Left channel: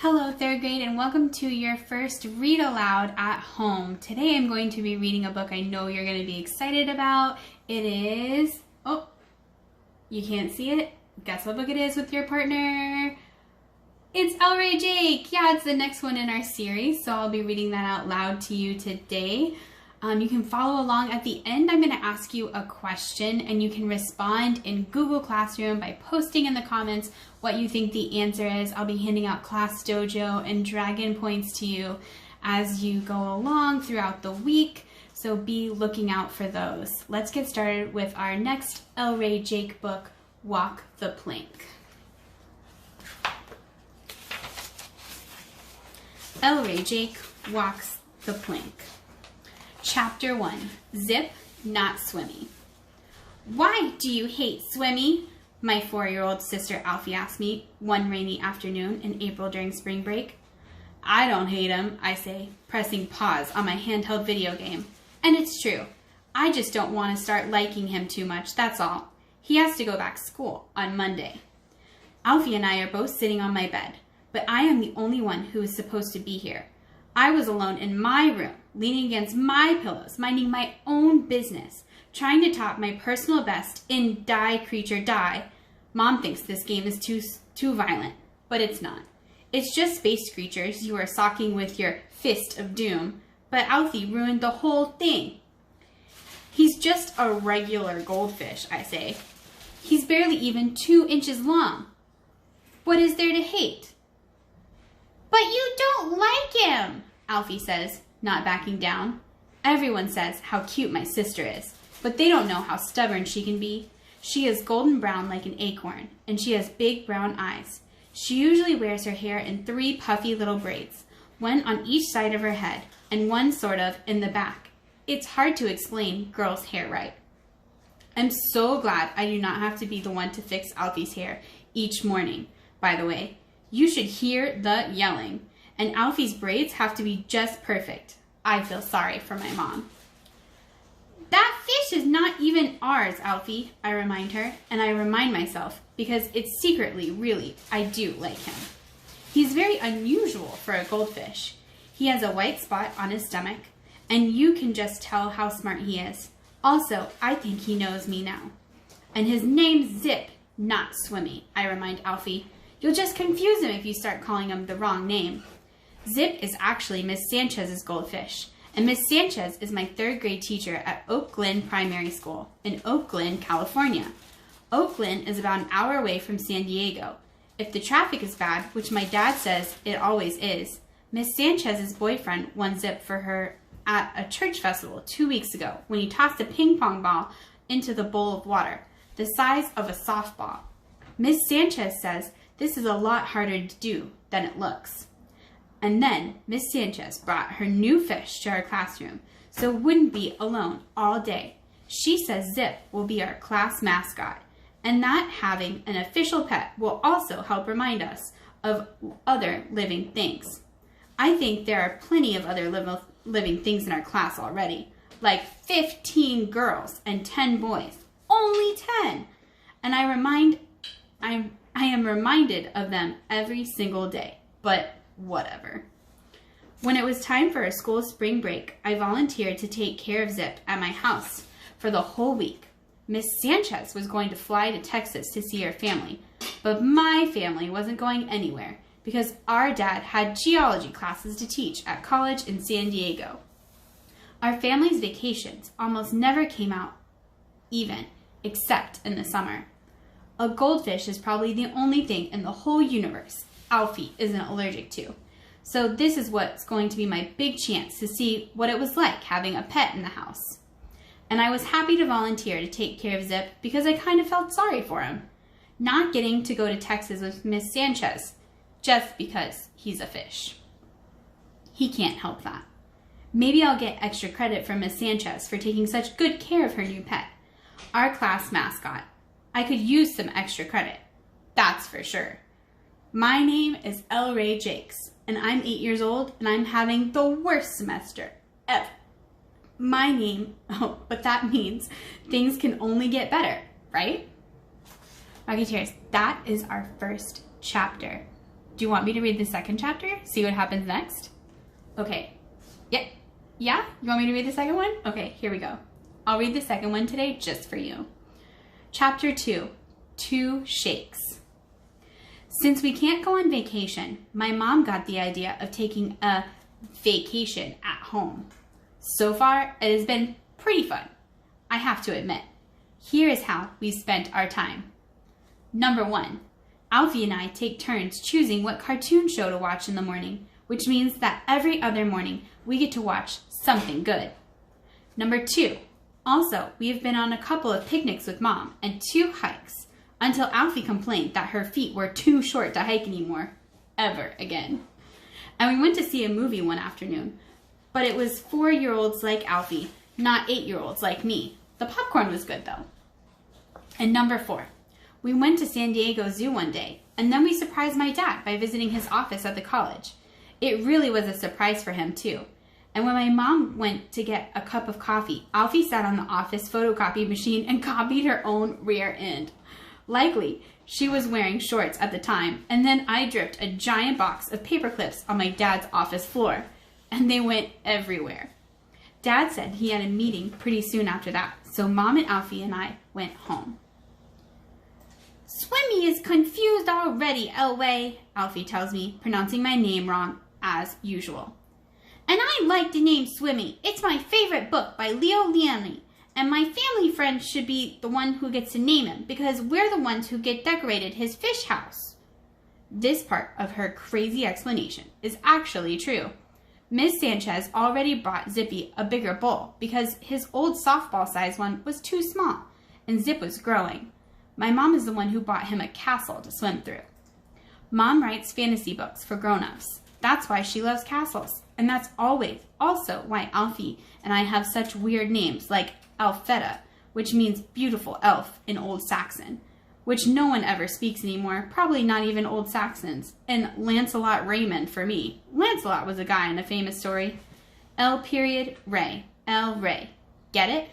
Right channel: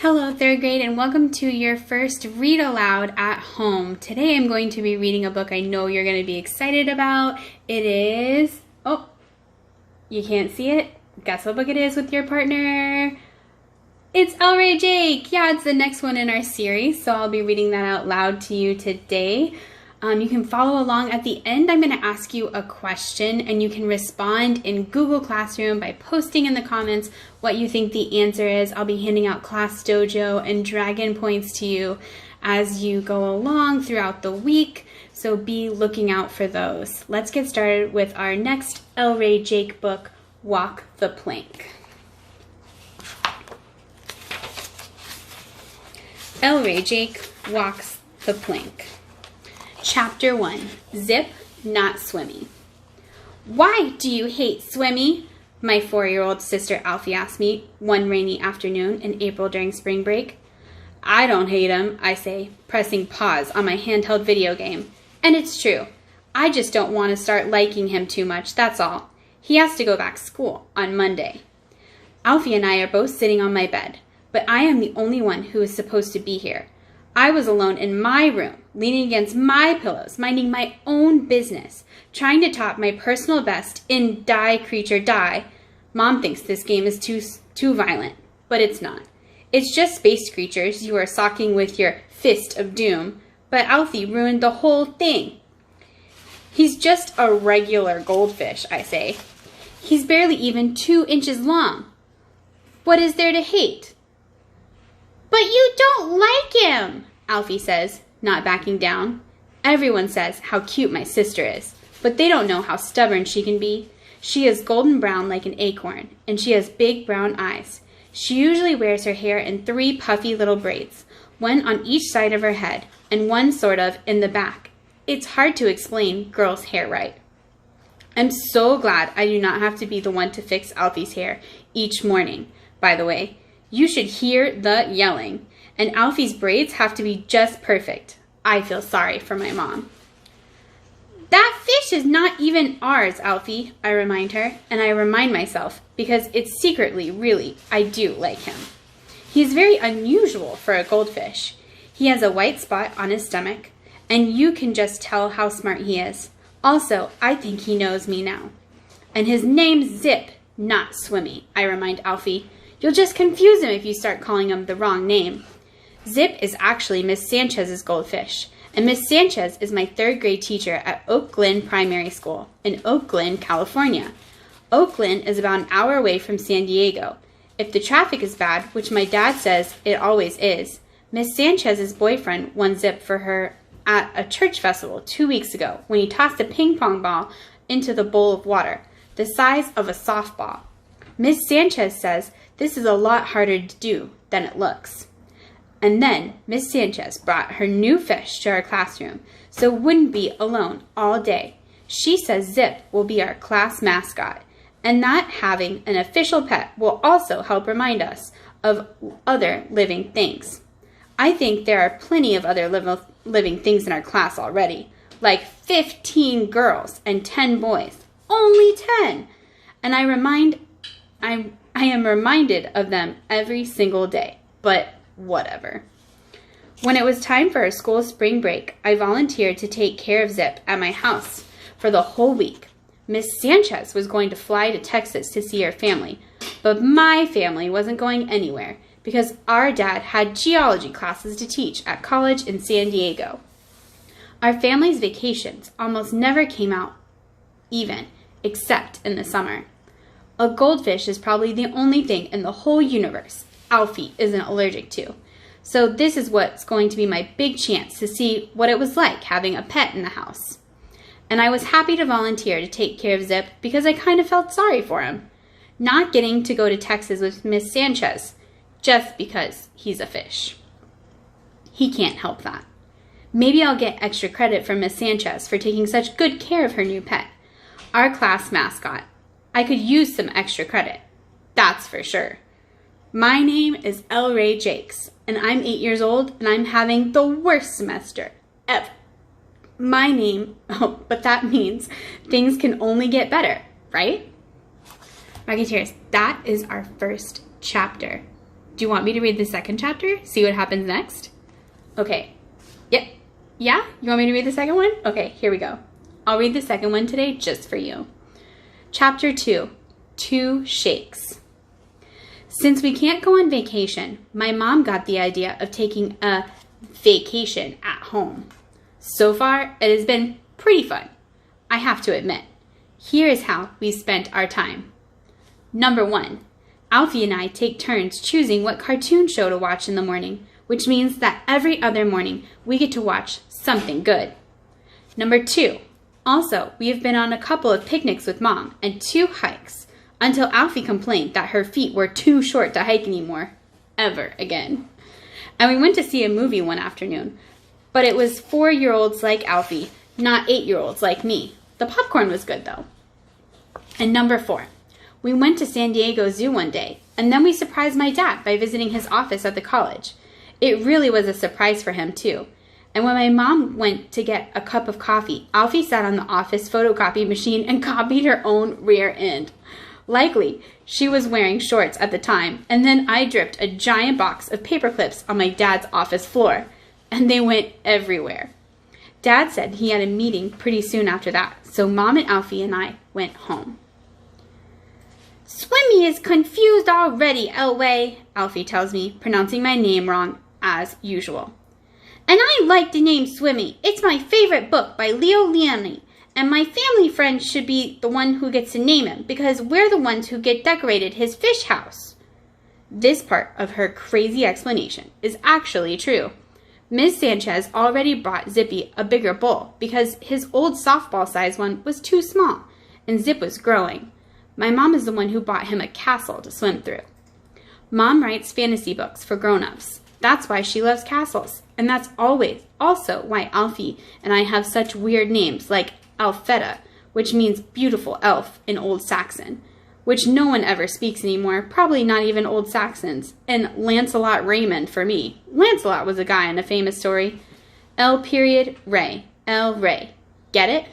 Hello, third grade, and welcome to your first Read Aloud at home. Today I'm going to be reading a book I know you're going to be excited about. It is, you can't see it? Guess what book it is with your partner? It's El Rey Jake. Yeah, it's the next one in our series, so I'll be reading that out loud to you today. You can follow along. At the end, I'm going to ask you a question, and you can respond in Google Classroom by posting in the comments what you think the answer is. I'll be handing out Class Dojo and Dragon points to you as you go along throughout the week, so be looking out for those. Let's get started with our next El Rey Jake book, Walk the Plank. El Rey Jake walks the plank. Chapter 1, Zip, Not Swimmy. Why do you hate Swimmy? My 4-year-old sister Alfie asked me one rainy afternoon in April during spring break. I don't hate him, I say, pressing pause on my handheld video game. And it's true. I just don't want to start liking him too much, that's all. He has to go back to school on Monday. Alfie and I are both sitting on my bed, but I am the only one who is supposed to be here. I was alone in my room, leaning against my pillows, minding my own business, trying to top my personal best in Die Creature Die. Mom thinks this game is too violent, but it's not. It's just space creatures you are socking with your fist of doom, but Alfie ruined the whole thing. He's just a regular goldfish, I say. He's barely even 2 inches long. What is there to hate? But you don't like him, Alfie says, not backing down. Everyone says how cute my sister is, but they don't know how stubborn she can be. She is golden brown like an acorn, and she has big brown eyes. She usually wears her hair in 3 puffy little braids, one on each side of her head, and one sort of in the back. It's hard to explain girls' hair right. I'm so glad I do not have to be the one to fix Alfie's hair each morning, by the way. You should hear the yelling. And Alfie's braids have to be just perfect. I feel sorry for my mom. That fish is not even ours, Alfie, I remind her, and I remind myself because it's secretly, really, I do like him. He's very unusual for a goldfish. He has a white spot on his stomach, and you can just tell how smart he is. Also, I think he knows me now. And his name's Zip, not Swimmy, I remind Alfie. You'll just confuse him if you start calling him the wrong name. Zip is actually Miss Sanchez's goldfish, and Miss Sanchez is my 3rd grade teacher at Oak Glen Primary School in Oak Glen, California. Oak Glen is about an hour away from San Diego. If the traffic is bad, which my dad says it always is, Miss Sanchez's boyfriend won Zip for her at a church festival 2 weeks ago when he tossed a ping pong ball into the bowl of water, the size of a softball. Miss Sanchez says this is a lot harder to do than it looks. And then Miss Sanchez brought her new fish to our classroom, so wouldn't be alone all day. She says Zip will be our class mascot, and that having an official pet will also help remind us of other living things. I think there are plenty of other living things in our class already, like 15 girls and 10 boys. Only 10! And I am reminded of them every single day, but whatever. When it was time for our school spring break, I volunteered to take care of Zip at my house for the whole week. Miss Sanchez was going to fly to Texas to see her family, but my family wasn't going anywhere because our dad had geology classes to teach at college in San Diego. Our family's vacations almost never came out even, except in the summer. A goldfish is probably the only thing in the whole universe Alfie isn't allergic to. So this is what's going to be my big chance to see what it was like having a pet in the house. And I was happy to volunteer to take care of Zip because I kind of felt sorry for him. Not getting to go to Texas with Miss Sanchez just because he's a fish. He can't help that. Maybe I'll get extra credit from Miss Sanchez for taking such good care of her new pet, our class mascot. I could use some extra credit, that's for sure. My name is El Rey Jakes, and I'm 8 years old, and I'm having the worst semester ever. But that means things can only get better, right? Rocketeers, that is our first chapter. Do you want me to read the second chapter? See what happens next? Okay. Yep. Yeah? You want me to read the second one? Okay, here we go. I'll read the second one today just for you. Chapter 2, 2 Shakes. Since we can't go on vacation, my mom got the idea of taking a vacation at home. So far, it has been pretty fun, I have to admit. Here is how we spent our time. Number 1, Alfie and I take turns choosing what cartoon show to watch in the morning, which means that every other morning we get to watch something good. Number 2, also, we have been on a couple of picnics with Mom and 2 hikes until Alfie complained that her feet were too short to hike anymore, ever again. And we went to see a movie one afternoon, but it was 4-year-olds like Alfie, not 8-year-olds like me. The popcorn was good though. And number 4, we went to San Diego Zoo one day, and then we surprised my dad by visiting his office at the college. It really was a surprise for him too. And when my mom went to get a cup of coffee, Alfie sat on the office photocopy machine and copied her own rear end. Likely, she was wearing shorts at the time, and then I dripped a giant box of paper clips on my dad's office floor, and they went everywhere. Dad said he had a meeting pretty soon after that, so Mom and Alfie and I went home. Swimmy is confused already, Elway, Alfie tells me, pronouncing my name wrong as usual. And I like the name Swimmy. It's my favorite book by Leo Liani. And my family friend should be the one who gets to name him because we're the ones who get decorated his fish house. This part of her crazy explanation is actually true. Ms. Sanchez already bought Zippy a bigger bowl because his old softball-sized one was too small and Zip was growing. My mom is the one who bought him a castle to swim through. Mom writes fantasy books for grown-ups. That's why she loves castles. And that's also why Alfie and I have such weird names like Alfetta, which means beautiful elf in Old Saxon, which no one ever speaks anymore, probably not even Old Saxons, and Lancelot Raymond for me. Lancelot was a guy in a famous story. Ray, El Ray. Get it?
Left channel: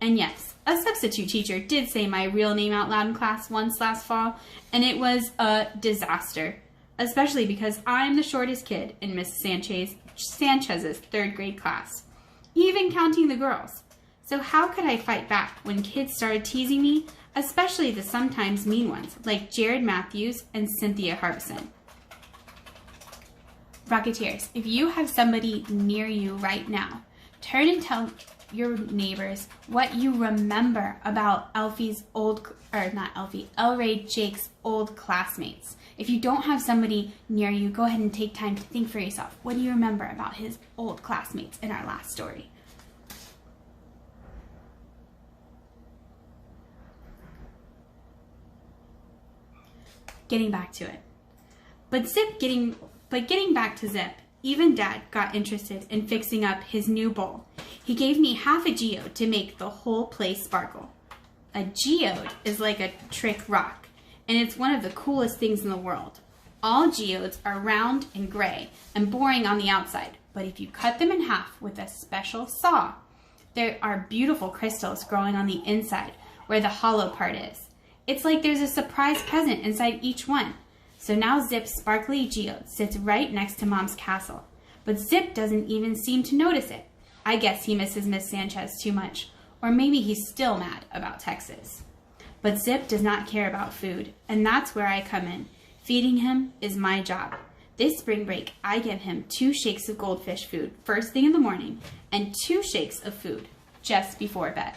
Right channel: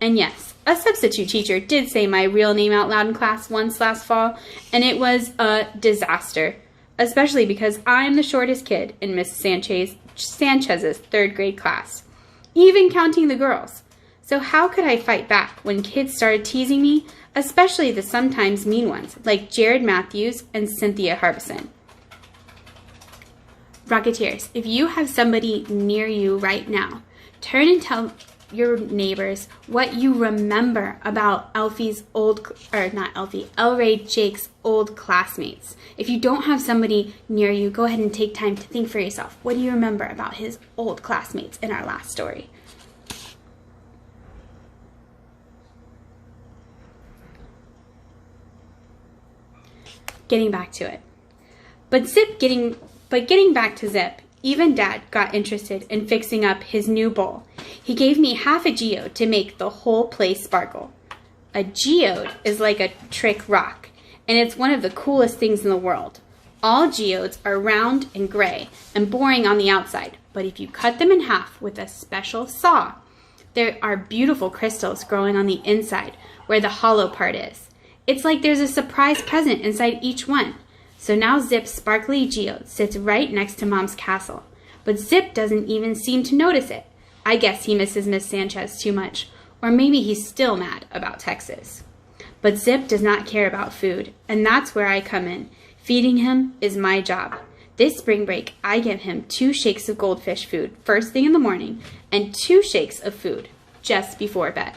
And yes, a substitute teacher did say my real name out loud in class once last fall, and it was a disaster, especially because I'm the shortest kid in Miss Sanchez's 3rd grade class, even counting the girls. So how could I fight back when kids started teasing me, especially the sometimes mean ones, like Jared Matthews and Cynthia Harbison? Rocketeers, if you have somebody near you right now, turn and tell your neighbors what you remember about Elray Jake's old classmates. If you don't have somebody near you, go ahead and take time to think for yourself. What do you remember about his old classmates in our last story? Getting back to it. But getting back to Zip, even Dad got interested in fixing up his new bowl. He gave me half a geode to make the whole place sparkle. A geode is like a trick rock, and it's one of the coolest things in the world. All geodes are round and gray and boring on the outside, but if you cut them in half with a special saw, there are beautiful crystals growing on the inside where the hollow part is. It's like there's a surprise present inside each one. So now Zip's sparkly geode sits right next to Mom's castle. But Zip doesn't even seem to notice it. I guess he misses Miss Sanchez too much. Or maybe he's still mad about Texas. But Zip does not care about food, and that's where I come in. Feeding him is my job. This spring break, I give him 2 shakes of goldfish food first thing in the morning and 2 shakes of food just before bed.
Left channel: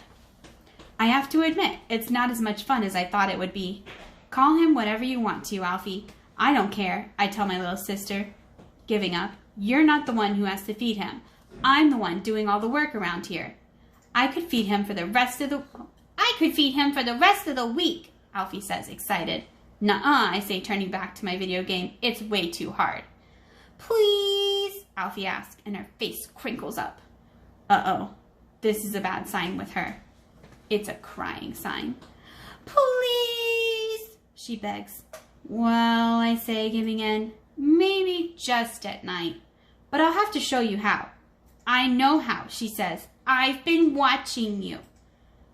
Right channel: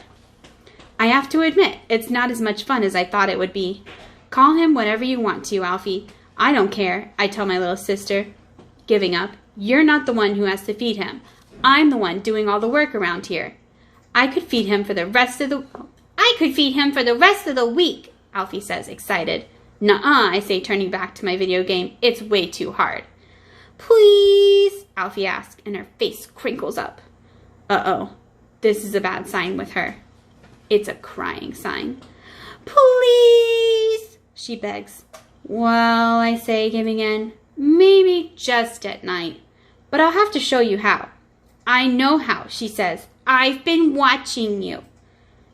I have to admit, it's not as much fun as I thought it would be. Call him whatever you want to, Alfie. I don't care, I tell my little sister. Giving up. You're not the one who has to feed him. I'm the one doing all the work around here. I could feed him for the rest of the week, Alfie says, excited. Nuh-uh, I say, turning back to my video game. It's way too hard. Please, Alfie asks, and her face crinkles up. Uh-oh, this is a bad sign with her. It's a crying sign. Please, she begs. Well, I say, giving in, maybe just at night, but I'll have to show you how. I know how, she says. I've been watching you.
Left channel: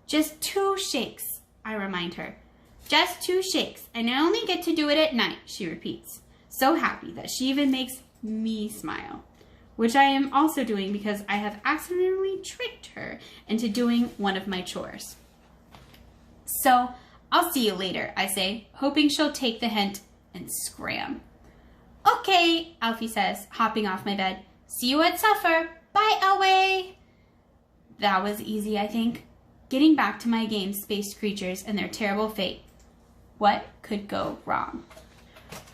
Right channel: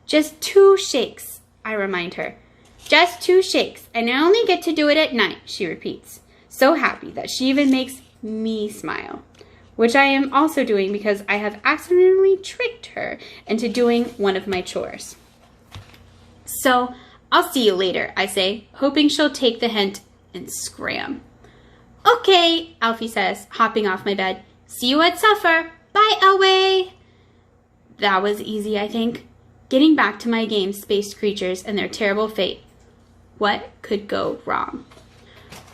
Just 2 shakes, I remind her. Just 2 shakes, and I only get to do it at night, she repeats. So happy that she even makes me smile, which I am also doing because I have accidentally tricked her into doing one of my chores. So I'll see you later, I say, hoping she'll take the hint and scram. Okay, Alfie says, hopping off my bed. See you at supper. Bye, Elway. That was easy, I think. Getting back to my game, Space Creatures and Their Terrible Fate. What could go wrong?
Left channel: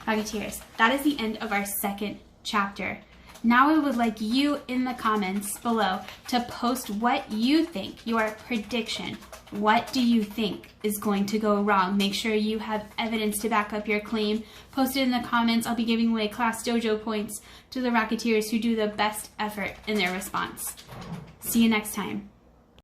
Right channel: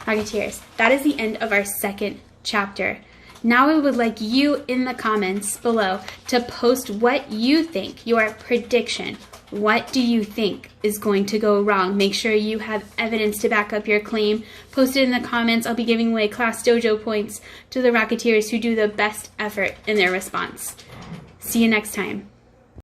Rocketeers, that is the end of our second chapter. Now I would like you in the comments below to post what you think, your prediction. What do you think is going to go wrong? Make sure you have evidence to back up your claim. Post it in the comments. I'll be giving away Class Dojo points to the Rocketeers who do the best effort in their response. See you next time.